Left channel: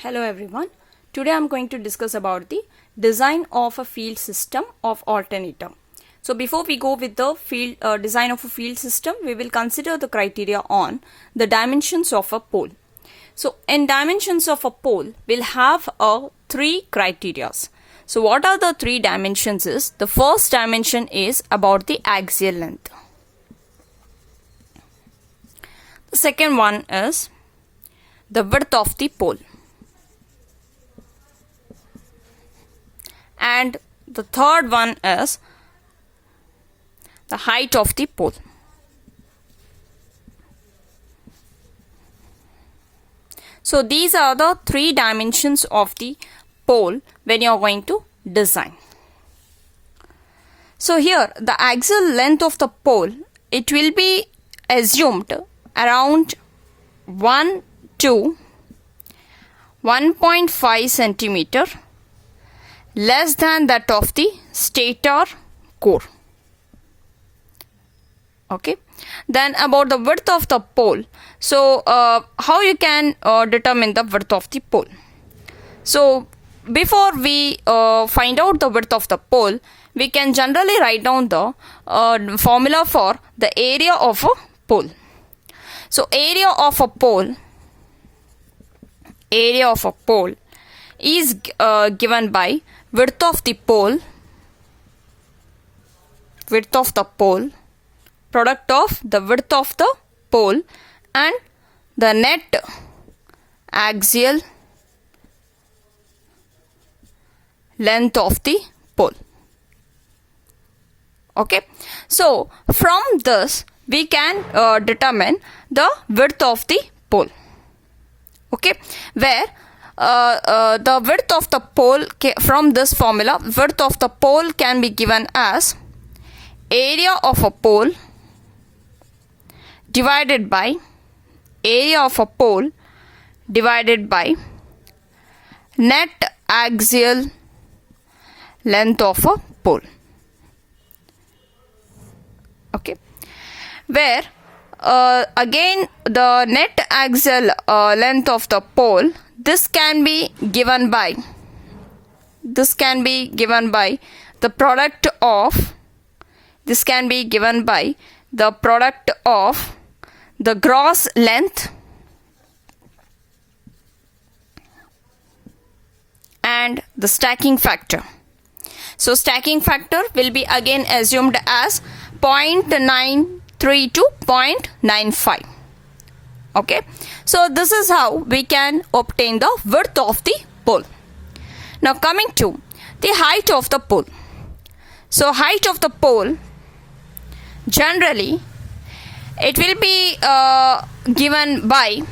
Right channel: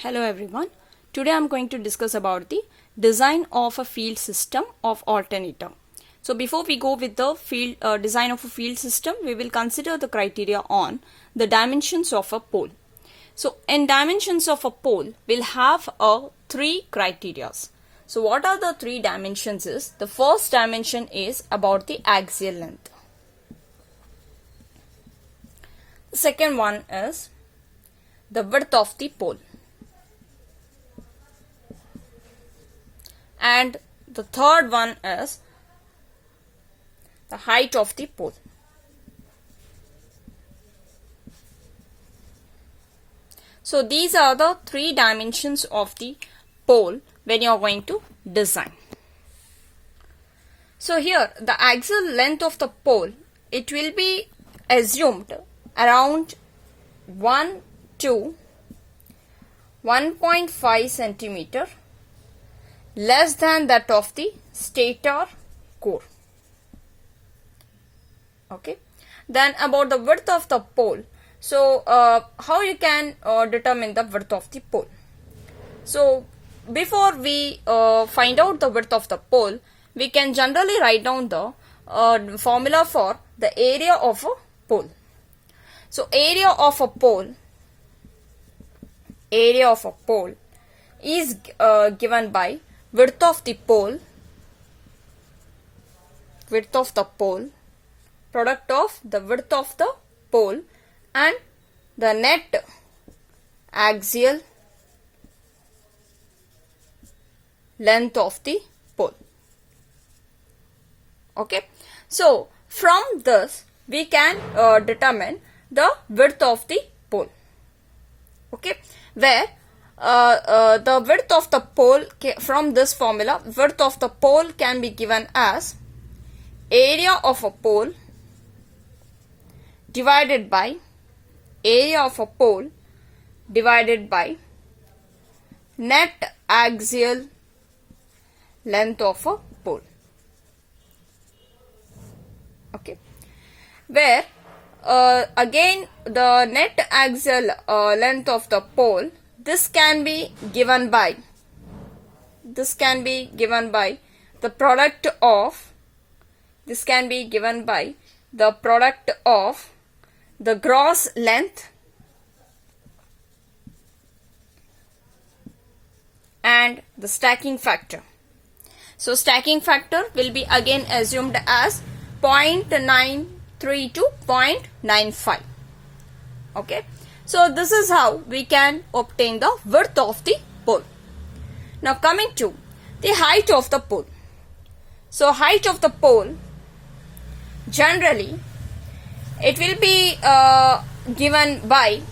Hello everyone. Today I am going to discuss about the design of a field system of alternator. So before we go with the field design of a field system, we will consider the criteria on the dimensions of a pole. So in dimensions of a pole, we'll have three criteria. So what are the three dimensions is, the first dimension is about the axial length. The second one is the width of the pole. And the third one is the height of the pole. So these are the three dimensions of the pole when you are going to design. So here the axial length of the pole, it will be assumed around 1 to 1.5 centimeter less than that of the stator core. Okay. Then about the width of the pole. So how you can determine the width of the pole? So before we find out the width of the pole, we can generally write down the formula for the area of a pole. So area of a pole is given by width of the pole, product of the width of the pole and the net axial length of the pole. Okay. So from this we can determine the width of the pole. Okay. Where the width of the pole, from this formula, width of the pole can be given as area of a pole divided by net axial length of a pole. Okay. Where again the net axial length of the pole, this can be given by the product of the gross length and the stacking factor. So stacking factor will be again assumed as 0.93 to 0.95. Okay. So this is how we can obtain the width of the pole. Now coming to the height of the pole. So height of the pole, generally it will be given by,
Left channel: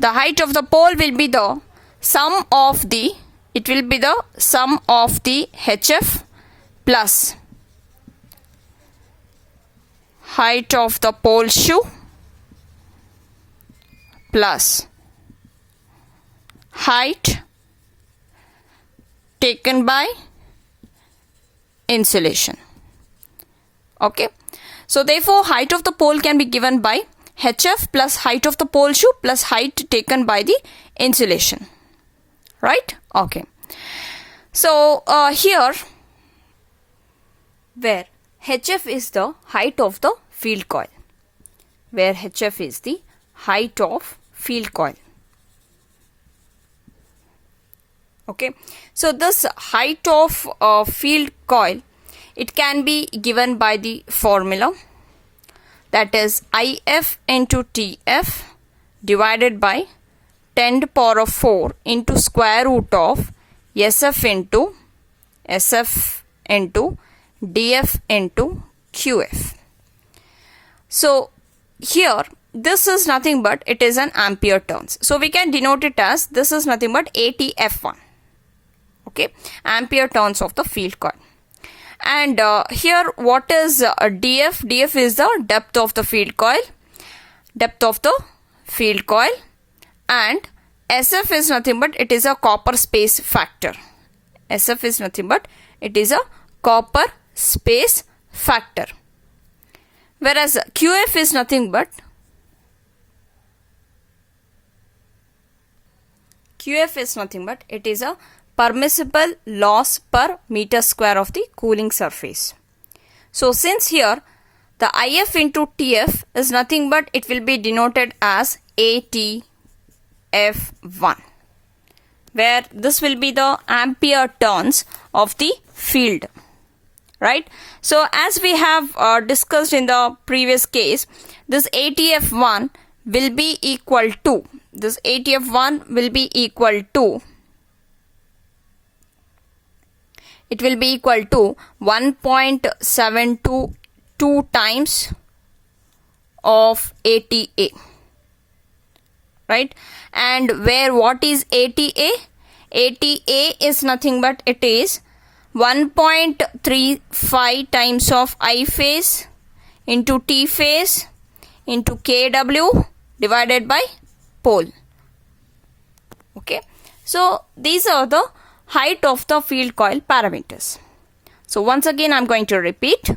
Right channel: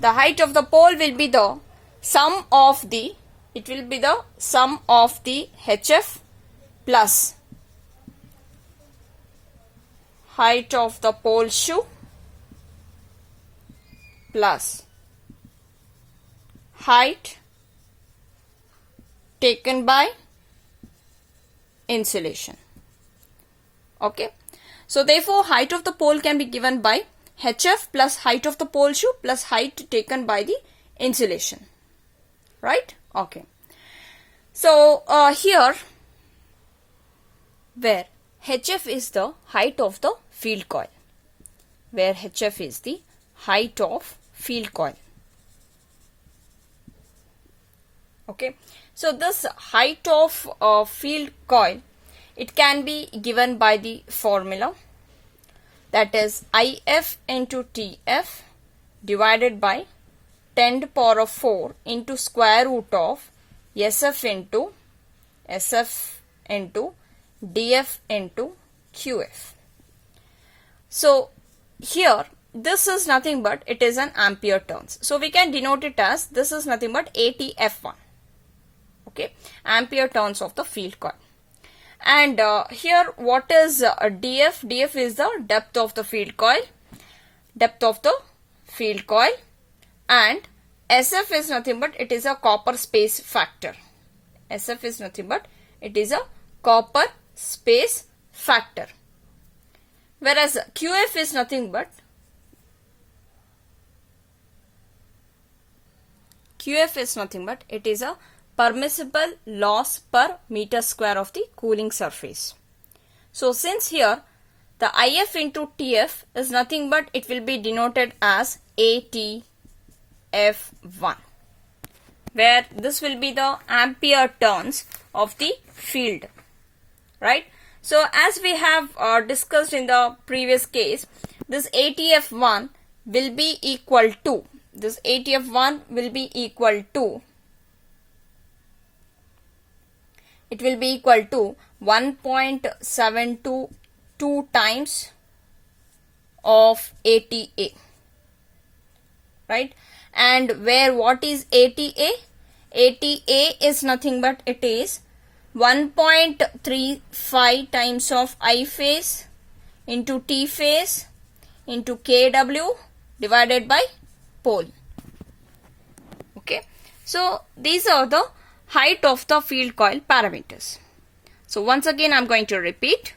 the height of the pole will be the sum of the HF plus height of the pole shoe plus height taken by insulation. Okay. So therefore height of the pole can be given by HF plus height of the pole shoe plus height taken by the insulation. Right? Okay. So here, where HF is the height of the field coil. Okay. So this height of field coil, it can be given by the formula, that is IF into TF divided by 10 to the power of 4 into square root of SF into DF into QF. So here this is nothing but, it is an ampere turns. So we can denote it as, this is nothing but ATF1. Okay. Ampere turns of the field coil. And here what is DF? DF is the depth of the field coil. And SF is nothing but, it is a copper space factor. Whereas QF is nothing but QF is nothing but it is a permissible loss per meter square of the cooling surface. So since here the IF into TF is nothing but it will be denoted as ATF1, where this will be the ampere turns of the field, right? So as we have discussed in the previous case, this ATF1 will be equal to, this ATF1 will be equal to, it will be equal to 1.722 times of ATA, right? And where what is ATA? ATA is nothing but it is 1.35 times of I phase into T phase into kW divided by pole. Okay, so these are the height of the field coil parameters. So once again I'm going to repeat.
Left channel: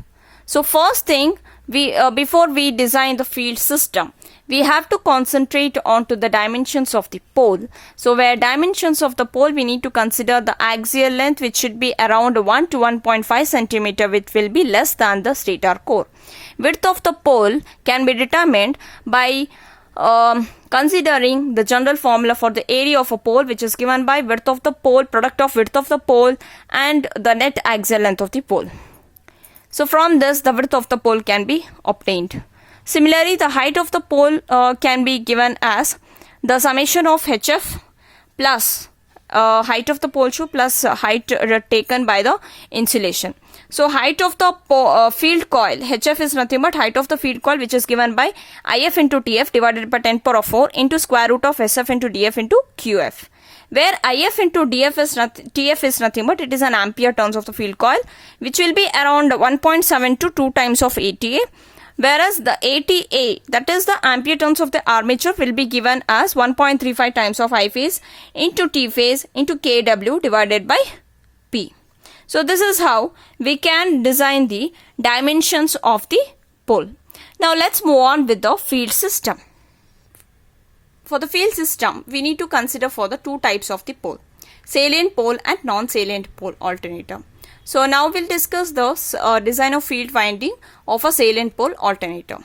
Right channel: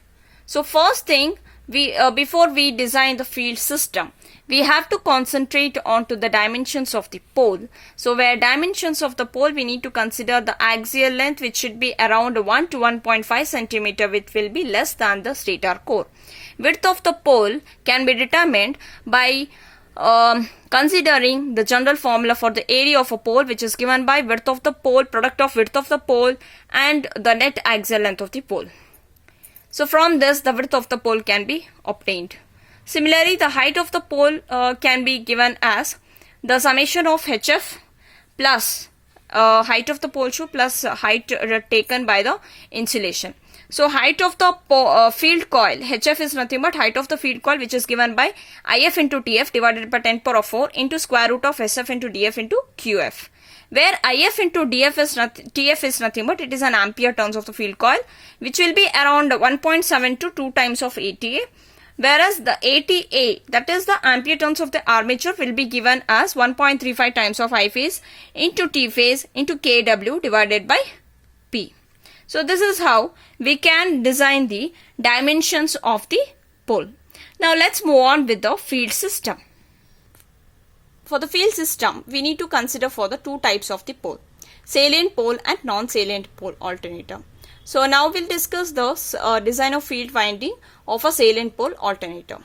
So first thing, we before we design the field system, we have to concentrate on to the dimensions of the pole. So where dimensions of the pole, we need to consider the axial length, which should be around 1 to 1.5 centimeter, which will be less than the stator core. Width of the pole can be determined by considering the general formula for the area of a pole, which is given by width of the pole, product of width of the pole and the net axial length of the pole. So from this, the width of the pole can be obtained. Similarly, the height of the pole can be given as the summation of HF plus height of the pole shoe plus height taken by the insulation. So height of the field coil, HF is nothing but height of the field coil, which is given by IF into TF divided by 10 power of 4 into square root of SF into DF into QF. Where IF into TF is nothing but it is an ampere turns of the field coil, which will be around 1.7 to 2 times of ATA. Whereas the ATA, that is the ampere turns of the armature, will be given as 1.35 times of I phase into T phase into kW divided by P. So this is how we can design the dimensions of the pole. Now let's move on with the field system. For the field system, we need to consider for the two types of the pole, salient pole and non-salient pole alternator. So now we'll discuss the design of field winding of a salient pole alternator.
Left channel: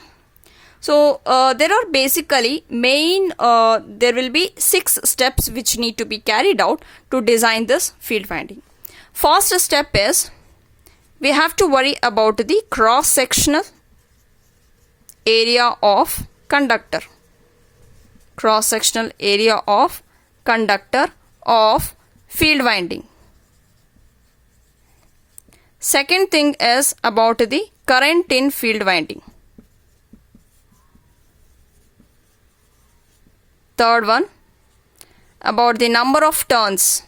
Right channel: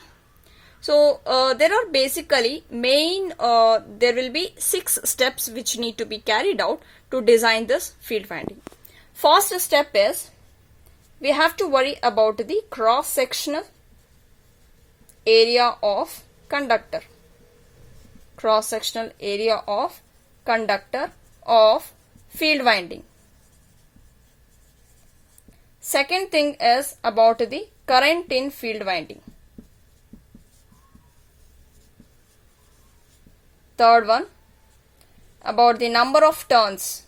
So there are basically there will be 6 steps which need to be carried out to design this field winding. First step is we have to worry about the cross-sectional area of conductor. Cross-sectional area of conductor of field winding. Second thing is about the current in field winding. Third one, about the number of turns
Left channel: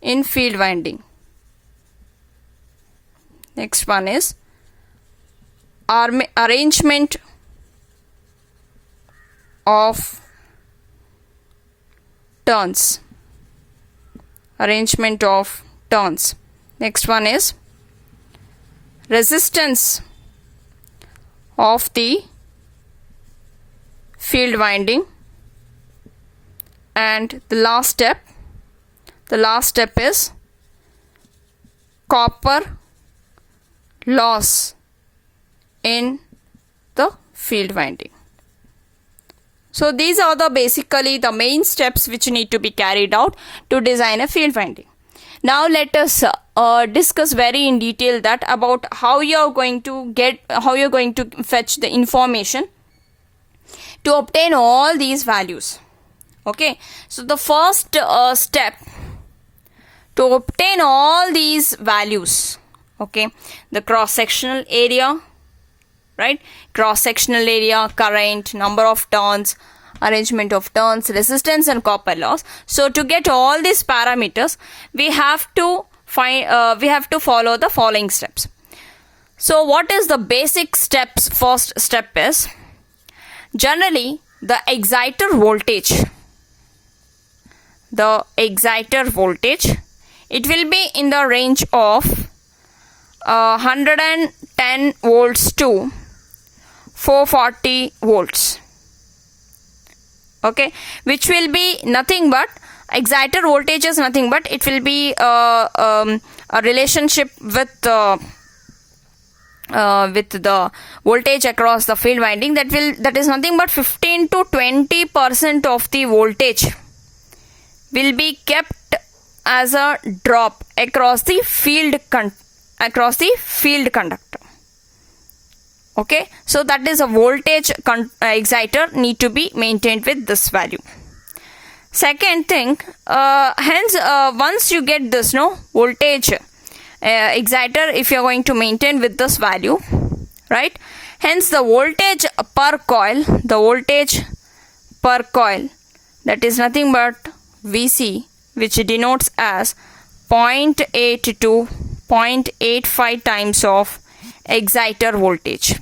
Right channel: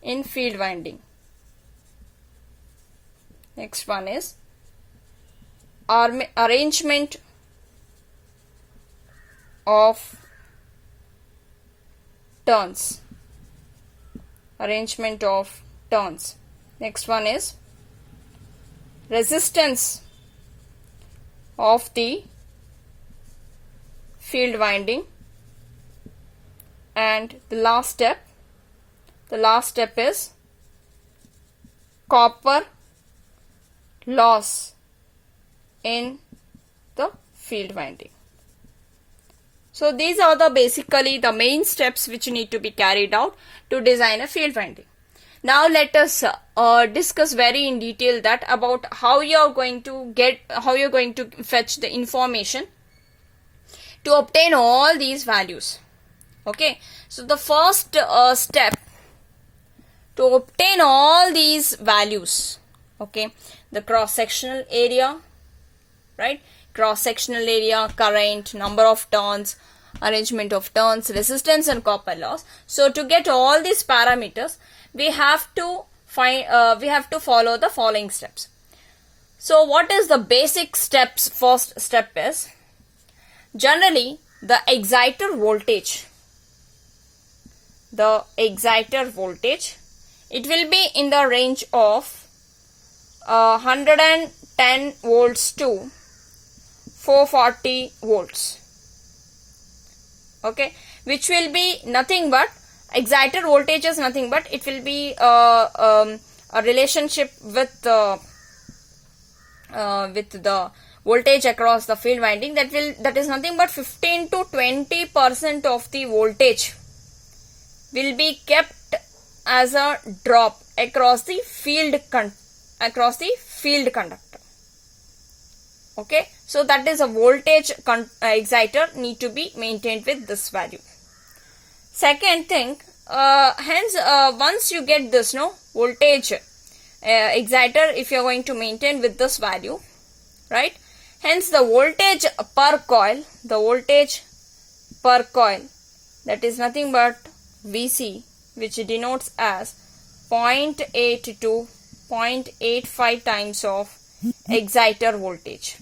in field winding. Next one is arrangement of turns. Next one is resistance of the field winding. And the last step is copper loss in the field winding. So these are basically the main steps which need to be carried out to design a field winding. Now let us discuss very in detail that about how you are going to fetch the information to obtain all these values. Okay, so the first step to obtain all these values, okay, the cross-sectional area, right, cross-sectional area, current, number of turns, arrangement of turns, resistance and copper loss. So to get all these parameters, we have to follow the following steps. So what is the basic steps? First step is generally the exciter voltage. It will be in the range of 110 volts to 440 volts. okay, which will be nothing but exciter voltage is nothing but it will be a relationship with the voltage across the field winding, that is nothing but 15 to 20% of the voltage will be kept as a drop across the field conductor. Okay, so that is a voltage exciter need to be maintained with this value. Second thing, hence once you get this voltage exciter, if you are going to maintain with this value, right, hence the voltage per coil, that is nothing but VC, which denotes as 0.8 to 0.85 times of exciter voltage.